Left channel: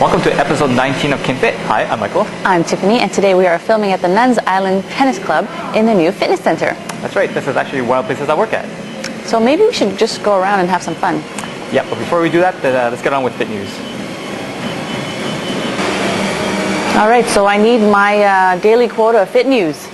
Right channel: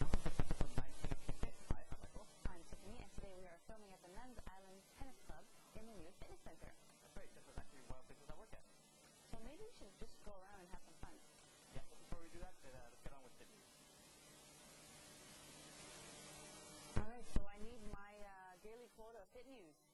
Welcome to episode 19 of KinFit. Hi, I'm Michael. I'm Tiffany, and today we are filming at the Nuns Island Tennis Club in the new fitness center. That's right, this is actually one of the places I work at. So maybe we should just go around and have some fun. Yeah, but before we do that, let's get on with Fit News. All right, so I need my daily quota of Fit News.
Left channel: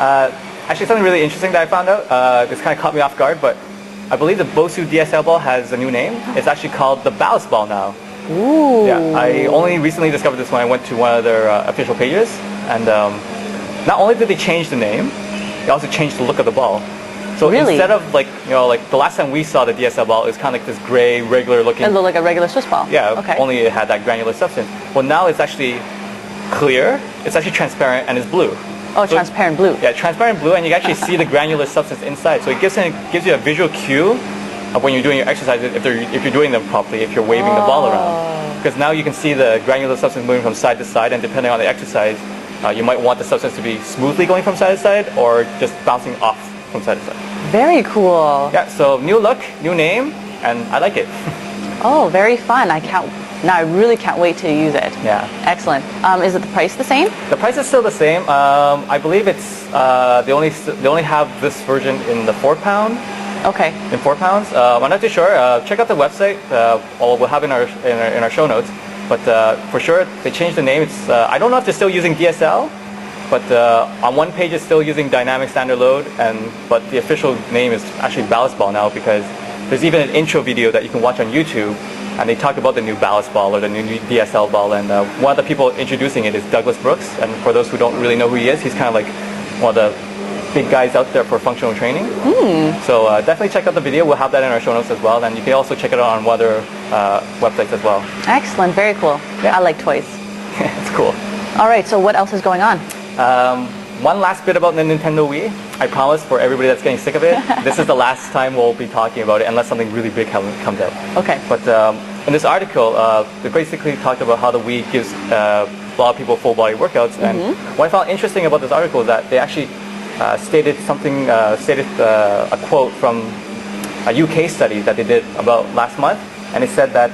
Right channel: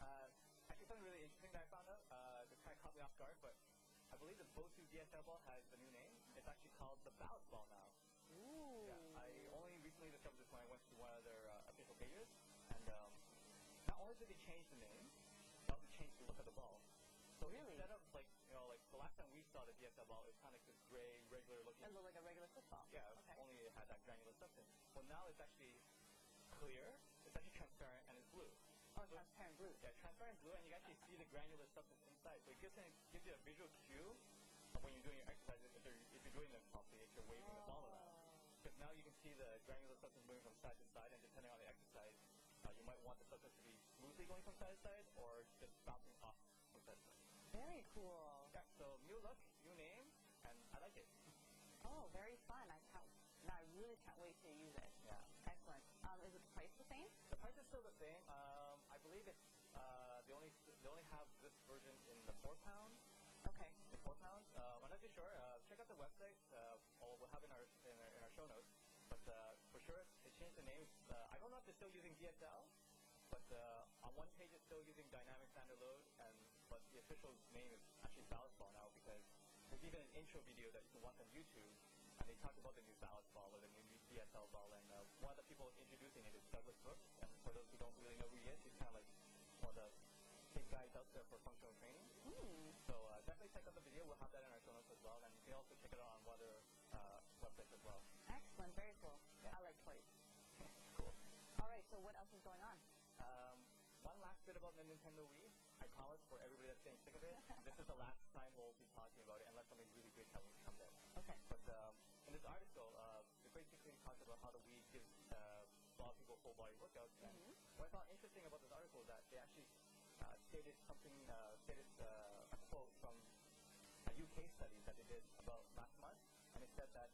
Actually, something really interesting that I found out. This kind of caught me off guard, but I believe the Bosu DSL ball has a new name. It's actually called the Ballast Ball now. Ooh. Yeah, I only recently discovered this when I went to one of their official pages, and not only did they change the name, they also changed the look of the ball. So really? Instead of like the last time we saw the DSL ball, it was kind of like this gray, regular looking. It looked like a regular Swiss ball. Yeah, okay. Only it had that granular substance. Well, now it's actually clear. It's actually transparent and it's blue. Oh, so transparent blue. Yeah, transparent blue, and you can actually see the granular substance inside. So it gives you a visual cue of when you're doing your exercises, if you're doing them properly, if you're waving the ball around. Because now you can see the granular substance moving from side to side, and depending on the exercise, you might want the substance to be smoothly going from side to side or just bouncing off from side to side. Very cool. Yeah, so new look, new name, and I like it. Oh, very fun. Now I really can't wait to use it. Yeah. Excellent. Is it the price the same? The price is still the same. I believe it's they only have this version in the £4. Okay. In £4. I'm not too sure. Check out the website. We'll have in our show notes. But for sure, they changed the name. It's I don't know if they're still using DSL, but on one page it's still using dynamic standard load, but the official name is actually Ballast Ball now, because there's even an intro video that you can watch on YouTube, and they talk about the new Ballast Ball or the new DSL ball. And one of the people introducing it is Douglas Brooks. And for those who don't really know who he is, he's kind of like one of the big guys out there for functional training. So definitely check out the video. We'll have that in our show notes as well. And you can also check it out on other websites as well. Excellent. Very cool. Yeah. I like toys. It's cool. All right. So what else is going on? One last bit about the Nintendo Wii. I promise, for everybody that's getting sick of it, this is the last time we'll be talking about it unless something really big comes out. Okay. But in this article, they basically talked about how the Wii gives a lot of people full body workouts. And what I found interesting about this article is that they actually stated a quote from a UK study that they did about last month, and it said that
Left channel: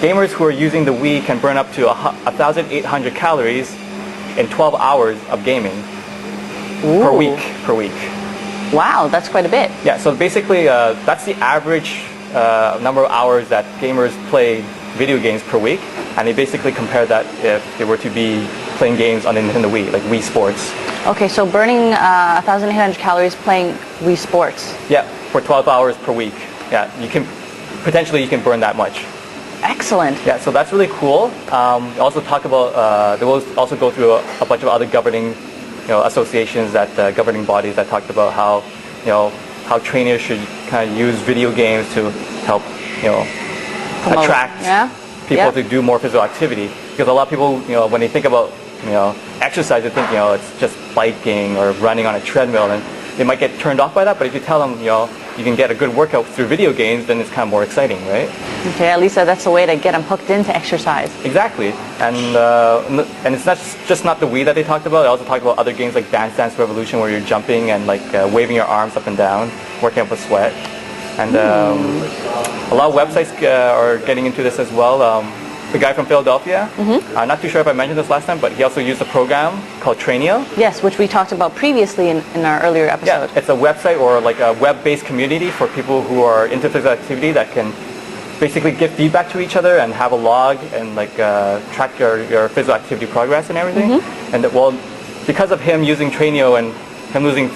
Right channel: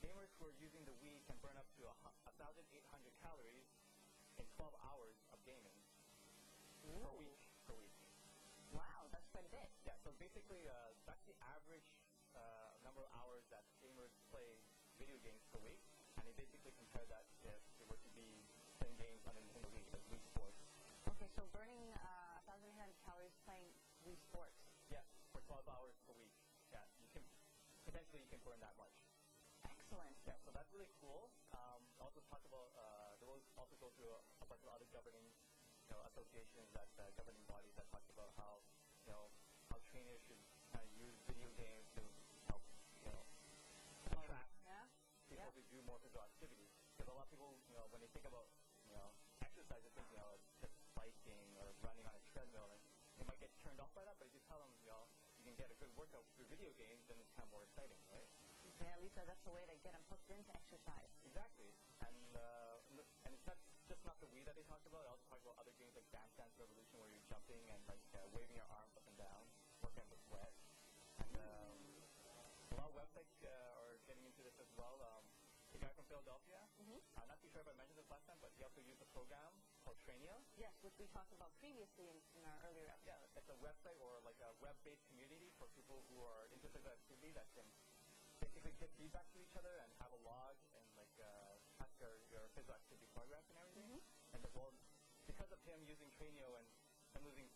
gamers who are using the Wii can burn up to 1,800 calories in 12 hours of gaming per week. Wow, that's quite a bit. Yeah, so basically that's the average number of hours that gamers play video games per week, and they basically compare that if they were to be playing games on the Nintendo Wii, like Wii Sports. Okay, so burning 1,800 calories playing Wii Sports. Yeah, for 12 hours per week. Yeah, you can burn that much. Excellent. Yeah, so that's really cool. Also talk about they will also go through a bunch of other governing, associations, governing bodies that talked about how trainers should kind of use video games to help attract people to do more physical activity. Because a lot of people, when they think about exercise, they think it's just biking or running on a treadmill, and they might get turned off by that. But if you tell them you can get a good workout through video games, then it's kind of more exciting, right? Okay, at least that's a way to get them hooked into exercise. Exactly, and it's not the Wii that they talked about. They also talked about other games like Dance Dance Revolution, where you're jumping and waving your arms up and down, working up a sweat. And a lot of websites are getting into this as well. The guy from Philadelphia, I'm not too sure if I mentioned this last time, but he also used a program called Trainio. Yes, which we talked about previously in our earlier episode. Yeah, it's a website or like a web-based community for people who are into physical activity that can basically give feedback to each other and have a log and track your physical activity progress and everything. And because of him using Trainio and him losing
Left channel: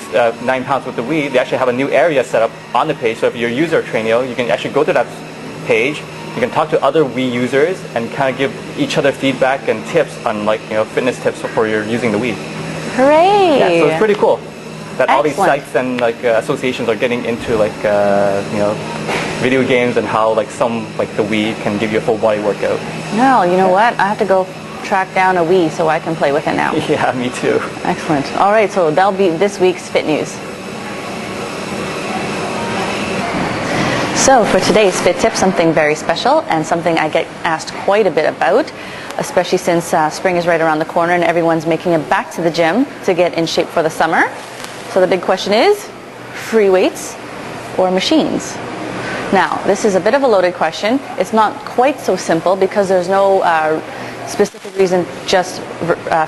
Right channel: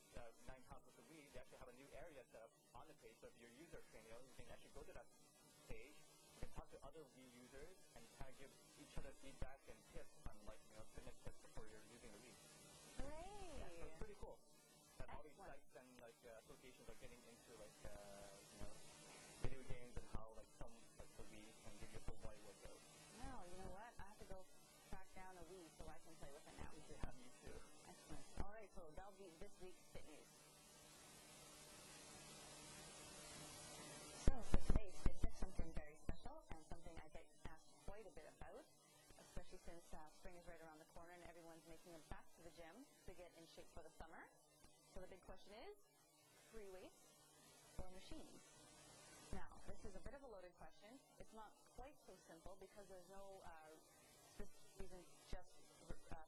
9 pounds with the Wii, they actually have a new area set up on the page. So if you're a user of Trainio, you can actually go to that page. You can talk to other Wii users and kind of give each other feedback and tips on fitness tips for your using the Wii. Hooray! Yeah, so it's pretty cool that all these Excellent. sites and associations are getting into video games and how some the Wii can give you a full body workout. No, you know what? I have to go track down a Wii so I can play with it now. Yeah, me too. Excellent. All right, so that'll be this week's Fit News. So for today's Fit Tip, something very special and something I get asked quite a bit about, especially since spring is right around the corner and everyone's making it back to the gym to get in shape for the summer. So the big question is, free weights or machines? Now, this is a bit of a loaded question. It's not quite so simple because there's no specific reason just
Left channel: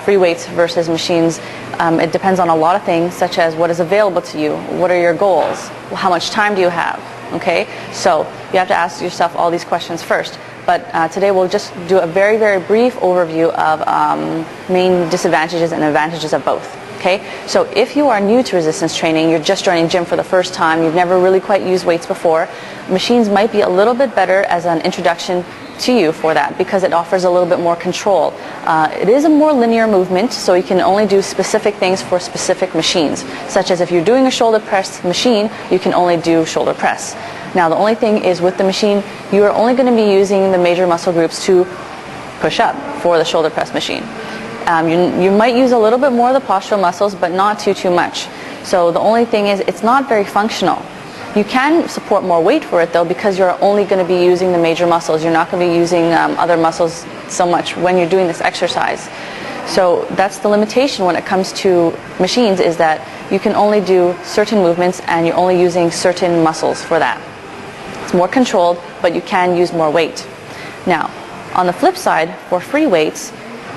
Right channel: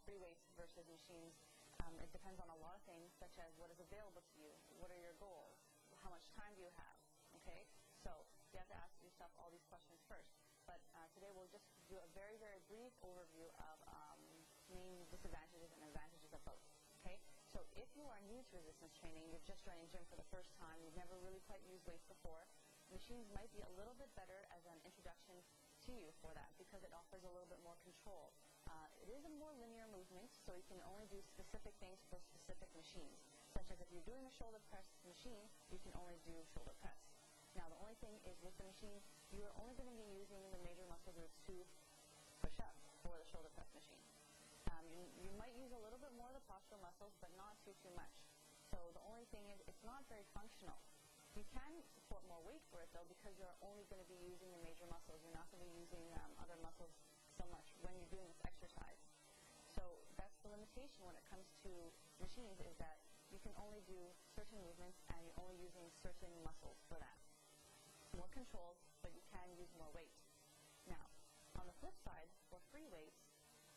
free weights versus machines. It depends on a lot of things, such as what is available to you, what are your goals, how much time do you have, okay? So you have to ask yourself all these questions first. But today we'll just do a very, very brief overview of main disadvantages and advantages of both. Okay, so if you are new to resistance training, you're just joining gym for the first time, you've never really quite used weights before, machines might be a little bit better as an introduction to you for that because it offers a little bit more control. It is a more linear movement, so you can only do specific things for specific machines, such as if you're doing a shoulder press machine, you can only do shoulder press. Now the only thing is with the machine, you are only going to be using the major muscle groups to push up for the shoulder press machine. You might use a little bit more of the postural muscles, but not too much. So the only thing is it's not very functional. You can support more weight for it though because you're only going to be using the major muscles. You're not going to be using other muscles so much when you're doing this exercise. So that's the limitation when it comes to machines, is that you can only do certain movements and you're only using certain muscles for that. It's more controlled, but you can use more weight. Now, on the flip side, for free weights,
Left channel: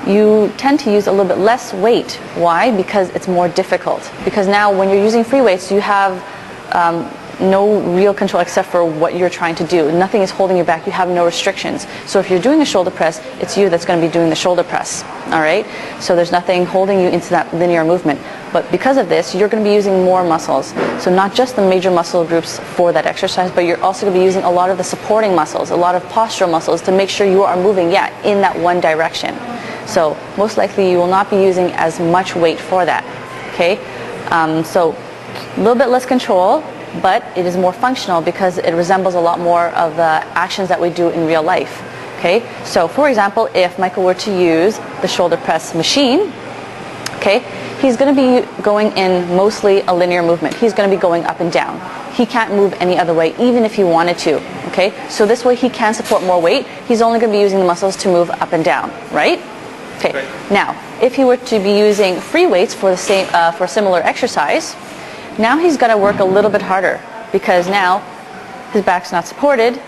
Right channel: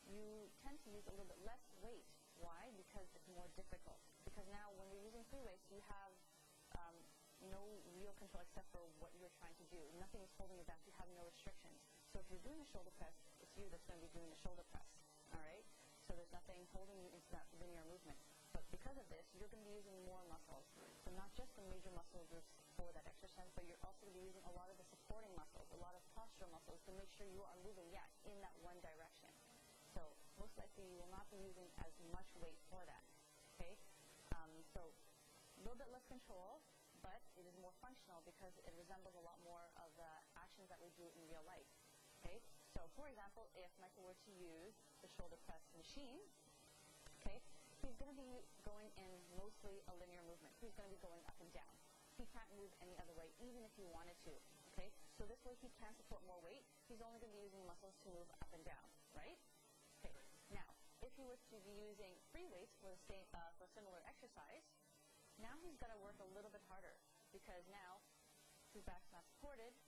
you tend to use a little bit less weight. Why? Because it's more difficult. Because now when you're using free weights, you have no real control except for what you're trying to do. Nothing is holding you back. You have no restrictions. So if you're doing a shoulder press, it's you that's going to be doing the shoulder press. All right? So there's nothing holding you into that linear movement. But because of this, you're going to be using more muscles. So not just the major muscle groups for that exercise, but you're also going to be using a lot of the supporting muscles, a lot of postural muscles to make sure you are moving, in that one direction. So most likely you will not be using as much weight for that, okay? So a little bit less control, but it is more functional because it resembles a lot more of the actions that we do in real life, okay? So for example, if Michael were to use the shoulder press machine, okay, he's going to be going in mostly a linear movement. He's going to be going up and down. He can't move any other way, even if he wanted to, okay? So this way he can support more weight. He's only going to be using the muscles to move up and down, right? Okay. Right. Now, if he were to be using free weights for the same for similar exercise, now he's got to work a little bit harder because now his back's not supported.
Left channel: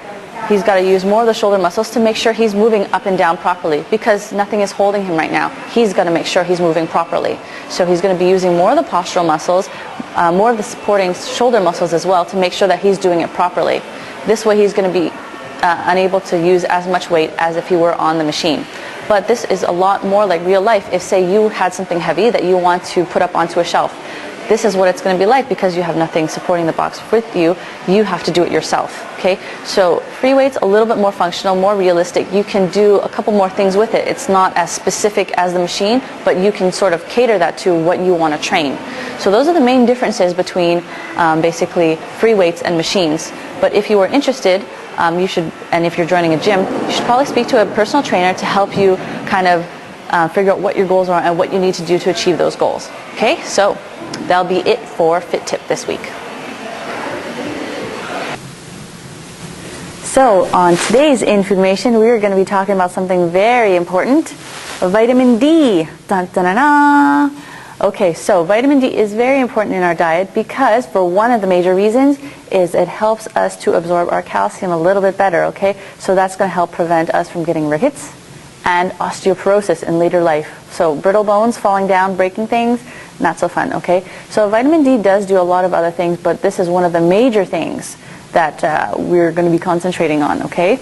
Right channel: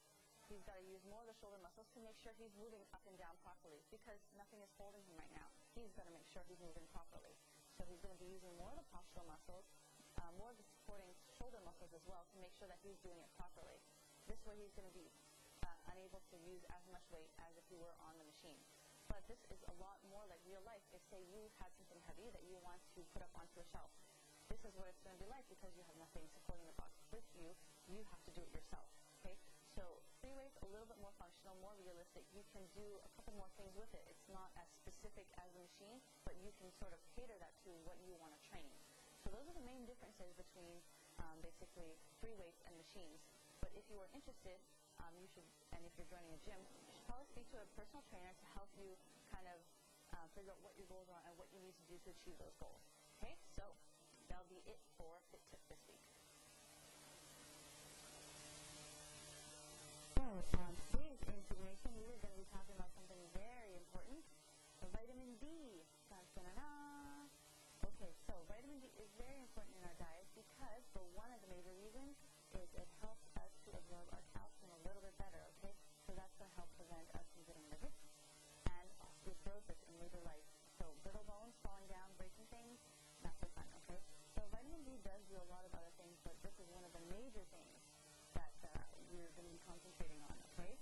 He's got to use more of the shoulder muscles to make sure he's moving up and down properly because nothing is holding him right now. He's got to make sure he's moving properly. So he's going to be using more of the postural muscles, more of the supporting shoulder muscles as well to make sure that he's doing it properly. This way he's going to be unable to use as much weight as if he were on the machine. But this is a lot more like real life. If, say, you had something heavy that you want to put up onto a shelf, this is what it's going to be like because you have nothing supporting the box with you. You have to do it yourself, okay? So free weights, a little bit more functional, more realistic. You can do a couple more things with it. It's not as specific as the machine, but you can sort of cater that to what you want to train. So those are the main differences between basically free weights and machines. But if you are interested, you should, and if you're joining a gym, you should probably speak to a personal trainer to help you kind of figure out what your goals are and what you need to do to achieve those goals. Okay, so that'll be it for Fit Tip this week. So on today's information, we are going to be talking about something very important, vitamin D. Dun, dun, dun, dun. Okay, so vitamin D is very important in our diet because for one of the major reasons is it helps us to absorb our calcium a little bit better, okay? So that's going to help prevent us from getting rickets and osteoporosis in later life. So brittle bones, falling down, breaking things, not so fun, okay? So vitamin D does do a lot of other things, but this is one of the major things that we're going to be concentrating on, okay?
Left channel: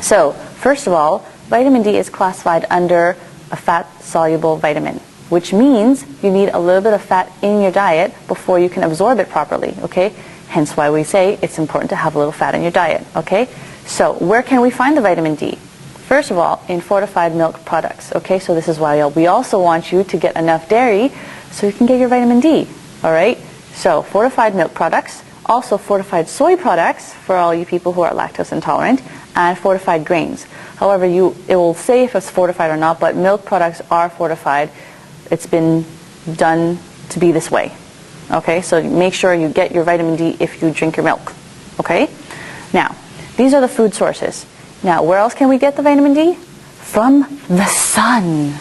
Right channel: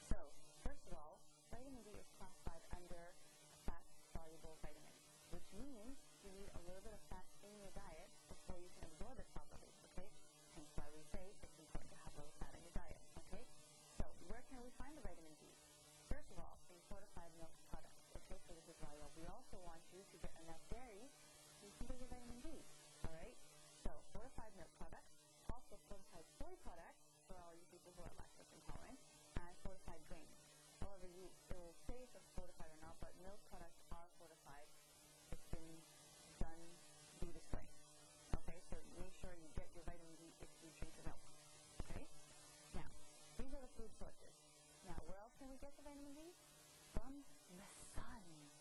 So first of all, vitamin D is classified under a fat-soluble vitamin, which means you need a little bit of fat in your diet before you can absorb it properly, okay? Hence why we say it's important to have a little fat in your diet, okay? So where can we find the vitamin D? First of all, in fortified milk products, okay? So this is why we also want you to get enough dairy so you can get your vitamin D, all right? So fortified milk products, also fortified soy products for all you people who are lactose intolerant, and fortified grains. However, it will say if it's fortified or not, but milk products are fortified. It's been done to be this way, okay? So make sure you get your vitamin D if you drink your milk, okay? Now, these are the food sources. Now, where else can we get the vitamin D? From the sun,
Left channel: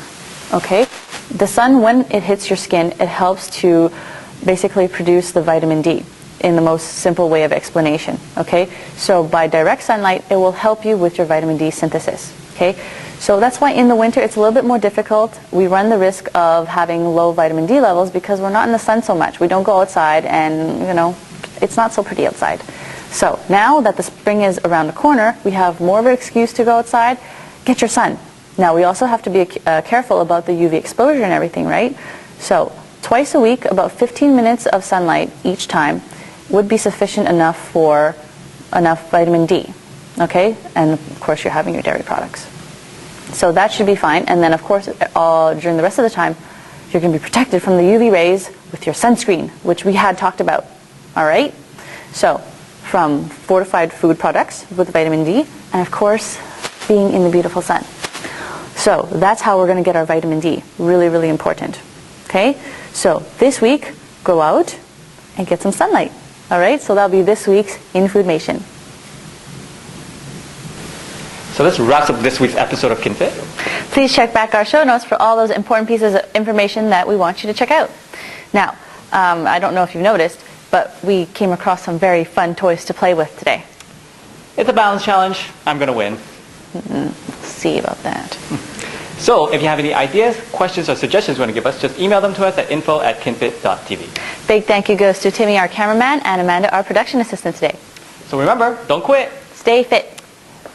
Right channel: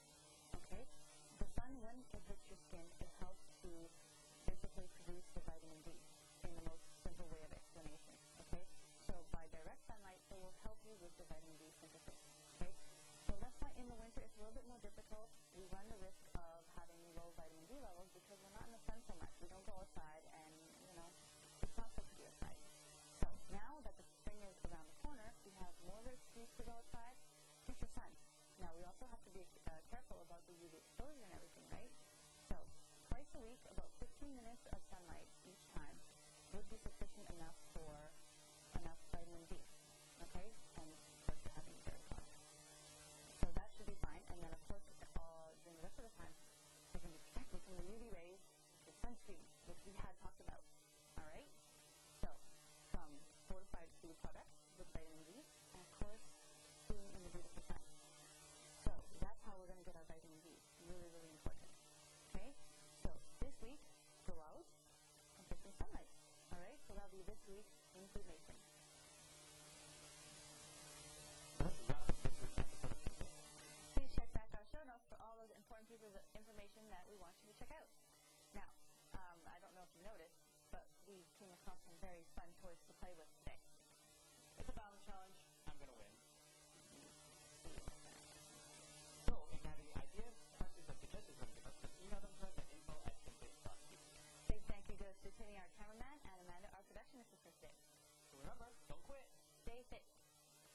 okay? The sun, when it hits your skin, it helps to basically produce the vitamin D. in the most simple way of explanation, okay? So by direct sunlight, it will help you with your vitamin D synthesis, okay? So that's why in the winter it's a little bit more difficult. We run the risk of having low vitamin D levels because we're not in the sun so much. We don't go outside and, you know, it's not so pretty outside. So now that the spring is around the corner, we have more of an excuse to go outside. Get your sun. Now we also have to be careful about the UV exposure and everything, right? So twice a week, about 15 minutes of sunlight each time would be sufficient enough for enough vitamin D, okay? And of course you're having your dairy products. So that should be fine. And then of course during the rest of the time, you're going to be protected from the UV rays with your sunscreen, which we had talked about, all right? So from fortified food products with vitamin D, and of course being in the beautiful sun. So that's how we're going to get our vitamin D. Really, really important, okay? So this week, go out and get some sunlight. All right, so that'll be this week's Infoodmation. So this wraps up this week's episode of KinFit. Please check back our show notes for all those important pieces of information that we want you to check out. Now, I don't know if you've noticed, but we came across some very fun toys to play with today. It's a balance challenge. I'm going to win. Let's see about that. So if you have any ideas, questions, or suggestions you want to give us, just email them to us at info@kinfit.tv. Big thank you goes to Timmy, our cameraman, and Amanda, our production assistant today. So remember, don't quit. Stay fit.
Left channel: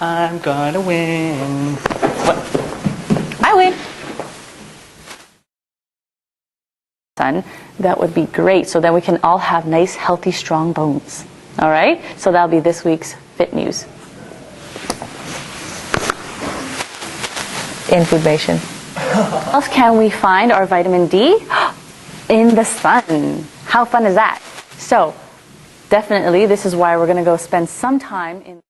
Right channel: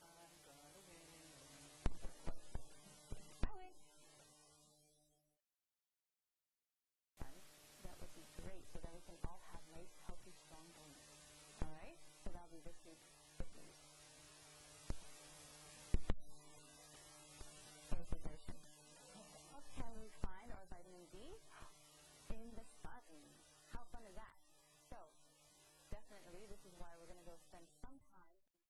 I'm gonna win. What? I win. Sun, that would be great. So then we can all have nice, healthy, strong bones. All right? So that'll be this week's Fit News. Infoodmation. Where else can we find our vitamin D? In the sun. How fun is that? So definitely this is why we're going to go spend some time in